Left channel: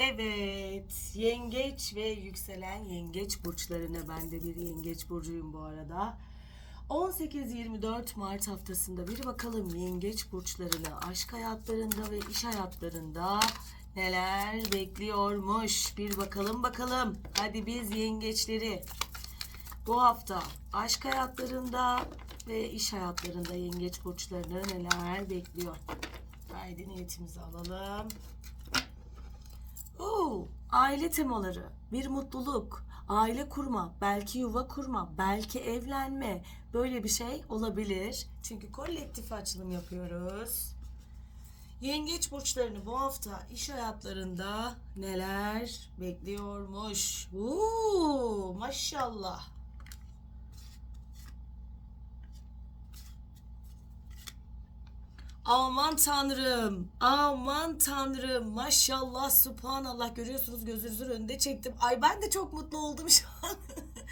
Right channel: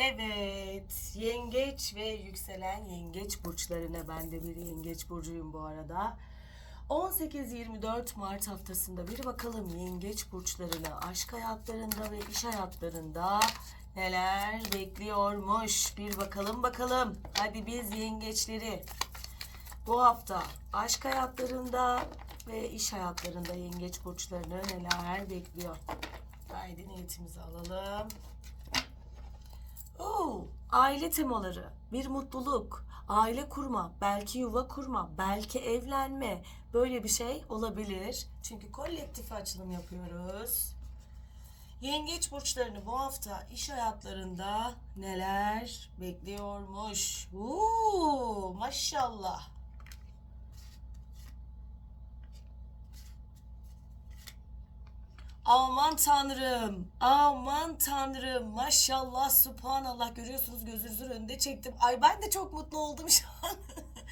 Evet, yengeç ve yükselen yengeç burçlarına ben de bir yengeç burcuyum bu arada. 18-24 Mart haftasında bir bakalım yengeç burçlarına aşk hayatlarında ve iş hayatlarında neler bekliyormuş. Bir bakalım bakalım. Hadi biz yengeçleri bu hafta aşk hayatlarında ve iş hayatlarında yengeç burçlarını neler bekliyor. Haydi niyetimizi alalım. Oo, aile temaları, bir mutluluk, aile kurma, belki yuva kurma, belki evlenme. Böyle bir şey olabilir. Çünkü kolektif açılım yapıyoruz. Yengeç burçlarını bu hafta iş hayatlarında neler bekliyormuş? Oo, maşallah. Aman tanrım. Aman tanrım. Maşallah subhanallah görüyorsunuz gözünüzün önünde çektim. Ay ben de çok mutlu oldum şu an.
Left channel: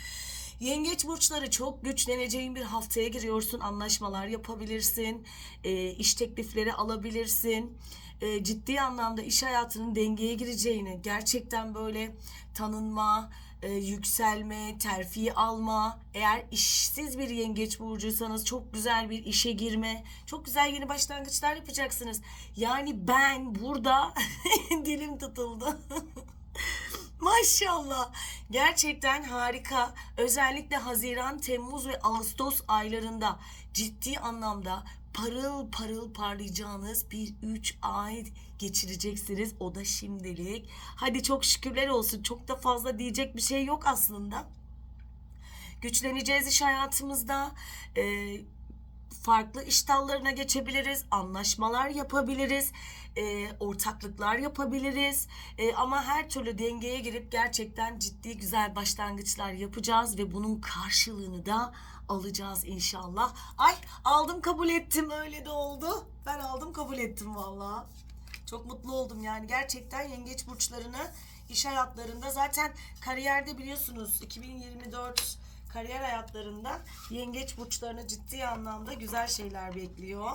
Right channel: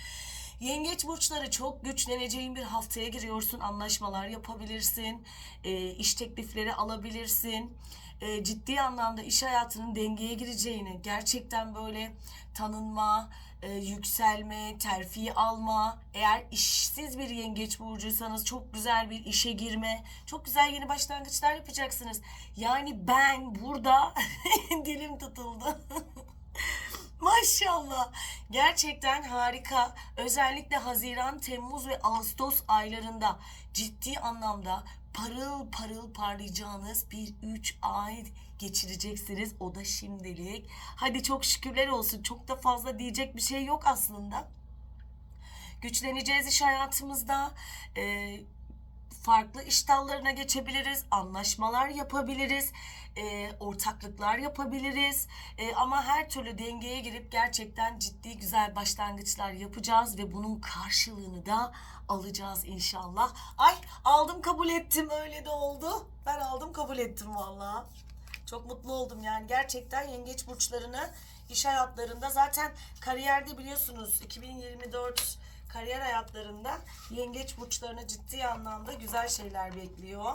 Yengeç burçları çok güçleneceğin bir haftaya giriyorsun. Anlaşmalar yapabilirsin. E, iş teklifleri alabilirsin. E, ciddi anlamda iş hayatının dengeye gireceğini, gerçekten böyle tanınma, e, yükselme, terfi alma, eğer işsiz bir yengeç burcuysanız çok güzel bir işe girme, çok güzel yeni başlangıçlar yapacaksınız. Yani ben burada dilim tutuldu. Maşallah. Gerçekten harika. Özellikle Haziran, Temmuz ve Ağustos aylarında ciddi anlamda parıl parıl parlayacağınız bir 3 ay geçireceksiniz. O da şimdilik. Hadi çok şükürler olsun. Çok da fazla diyecek bir şey yok aslında. Güçleneceğiz iş hayatımızda. Ee, farklı iş dallarına geçebiliriz, anlaşmalar yapabiliriz, e, ortaklıklar yapabiliriz. E, ama her türlü dengeye girip gerçekten ciddi güzel başlangıçlar yapacağız ve bunun karşılığını da alacağız inşallah. Ay aldım kabul ettim öyle de oldu. Ben aldım kabul ettim valla. Çok mutlu oldum yani gerçekten yengeç burçlarını iş hayatlarında zaten kariyerde biliyorsunuz 2024 kariyer hayatlarında yengeç burçlarını ciddi anlamda güzel şeyler bekliyor.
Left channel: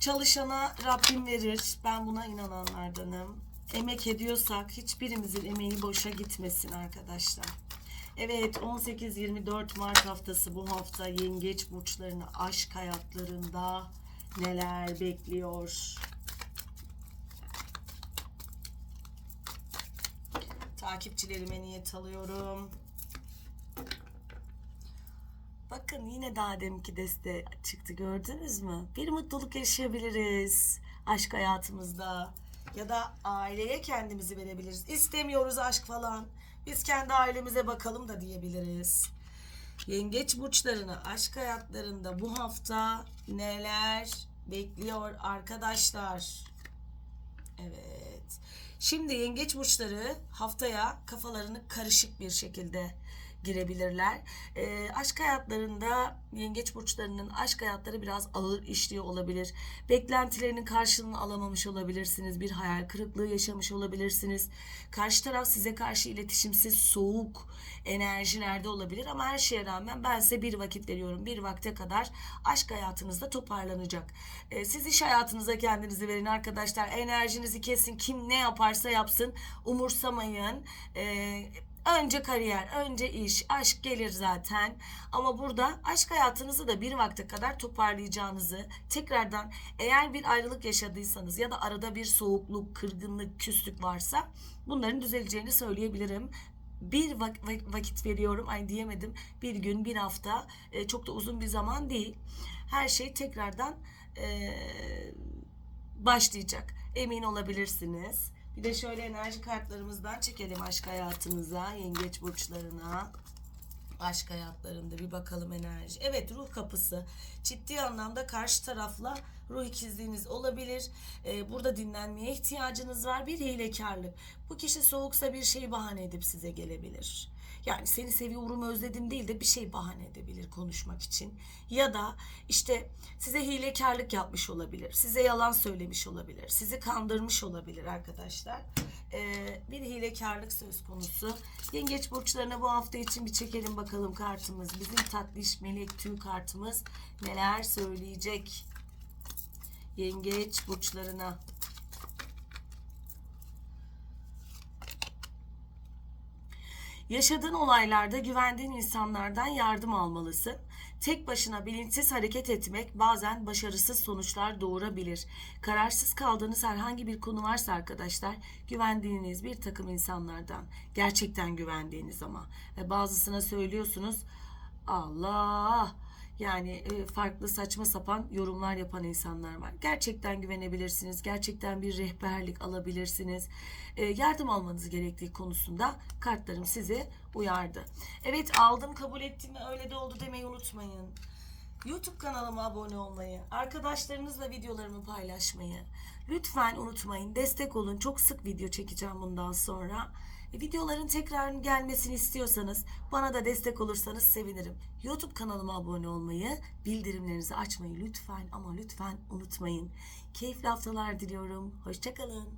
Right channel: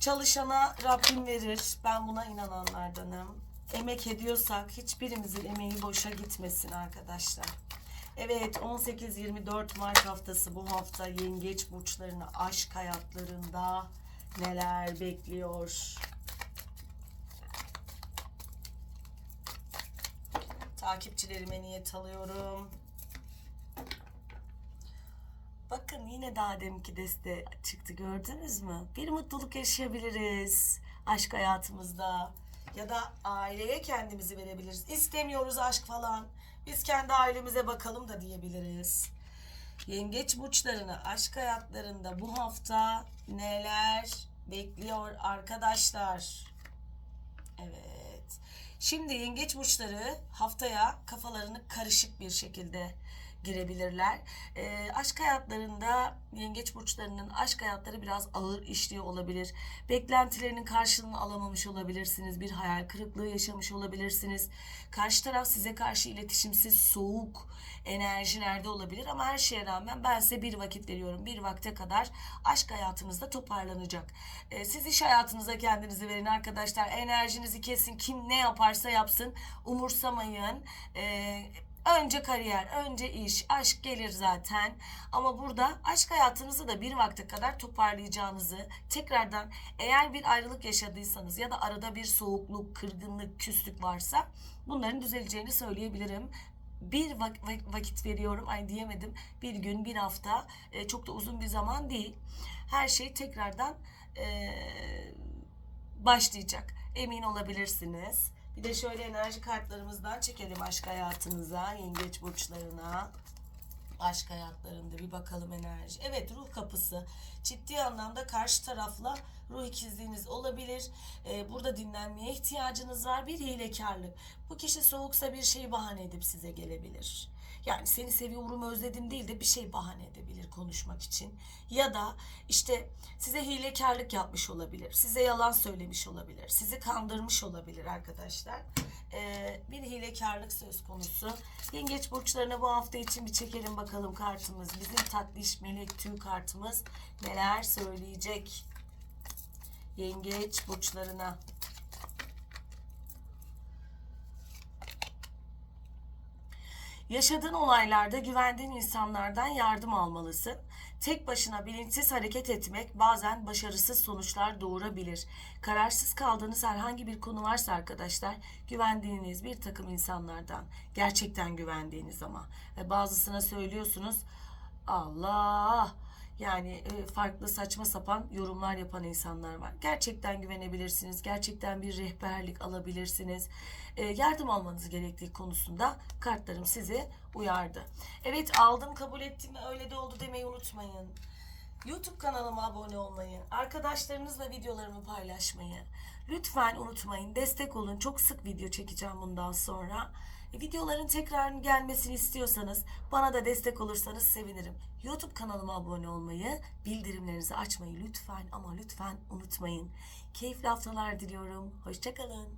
Çalışana Rabbim verir. Ben buna inananlardanım. Emek ediyorsak hiçbirimizin emeği boşa gitmesin arkadaşlar. Evet 18-24 Mart haftası bu hafta yengeç burçlarını aşk hayatlarında neler bekliyor? Takipçilerime niyet alıyorum. Bakın yine daha deminki deste çıktı gördünüz mü? Bir mutluluk yaşayabiliriz aşk hayatımızda. Ya da aileye kendimizi verebiliriz. İstemiyoruz aşk falan. Biz kendi ailemize bakalım da diyebiliriz. Yengeç burçlarını aşk hayatlarında bu hafta neler bekliyor arkadaşlar? Evet. Şimdi yengeç burçları haftaya kafalarını karışık bir şekilde girebilirler. E, aşk hayatlarında yengeç burçlarının aşk hayatları biraz ağır işliyor olabilir. Beklentilerinin karşılığını alamamış olabilirsiniz. Bir hayal kırıklığı yaşamış olabilirsiniz. Karşı taraf size karşı iletişimsiz, soğuk enerjilerde olabilir ama her şeye rağmen ben size bir vakit veriyorum. Bir vakte kadar aşk hayatınızda toparlanacak. E, siz iş hayatınıza kendinizi verin arkadaşlar. Enerjinizi kesin. Kim ne yaparsa yapsın. Umursamayın. Eee Önce kariyer, önce iş, aşk gelir zaten. Ama burada aşk hayatınızı da bir vakte kadar toparlayacağınızı, tekrardan eğer bir ayrılık yaşadıysanız ya da arada bir soğukluk, kırgınlık, küslük varsa bunların düzeleceğini söyleyebilirim. Bir vak- vakit veriyorum, ay diyemedim. Bir gün, bir hafta, e, çok da uzun bir zaman değil. Her şey tekrardan e, başlayacak. Emin olabilirsiniz. Bir de şöyle enerji kartlarımızdan çekelim aşk hayatınıza, yengeç burçlarına. Aşk hayatlarında bir bakalım enerji. Evet ruh kapısı. Ciddi anlamda karşı tarafla ruh ikizliğiniz olabilir. Ee, burada dinlenmeye ihtiyacınız var. Bir hilekarlık. Bu kişi soğuksa bir şey bahane edip size gelebilir. Yani seni seviyorum özledim değil de bir şey bahane edebilir konuşmak için. Ya da işte size hilekarlık yapmış olabilir. Size yalan söylemiş olabilir. Sizi kandırmış olabilir arkadaşlar. Ee, bir hilekarlık söz konusu. Yengeç burçlarına bu hafta için bir çekelim bakalım kartımız. Bizim tatlış melek tüy kartımız neler söyleyecek? Yengeç burçlarına. Yaşadığın olaylarda güvendiğin insanlardan yardım almalısın. Tek başına bilinçsiz hareket etmek bazen başarısız sonuçlar doğurabilir. Kararsız kaldığınız herhangi bir konu varsa arkadaşlar güvendiğiniz bir takım insanlardan gerçekten güvendiğiniz ama ve bazısına söylüyorsunuz Allah yani e, farklı saçma sapan yorumlar yapan insanlar var. Gerçekten güvenebilirsiniz. Gerçekten bir rehberlik alabilirsiniz. E, yardım almanız gerektiği konusunda kartlarım sizi uyardı. Evet aldım kabul ettim öyle de oldu demeyi unutmayın. YouTube kanalıma abone olmayı, arkadaşlarınızla videolarımı paylaşmayı lütfen unutmayın. Destek olun. Çok sık video çekeceğim bundan sonra. Videoların tekrar gelmesini istiyorsanız bana da destek olursanız sevinirim. YouTube kanalıma abone olmayı, bildirimlerinizi açmayı lütfen ama lütfen unutmayın. Keyifli haftalar diliyorum. Hoşçakalın.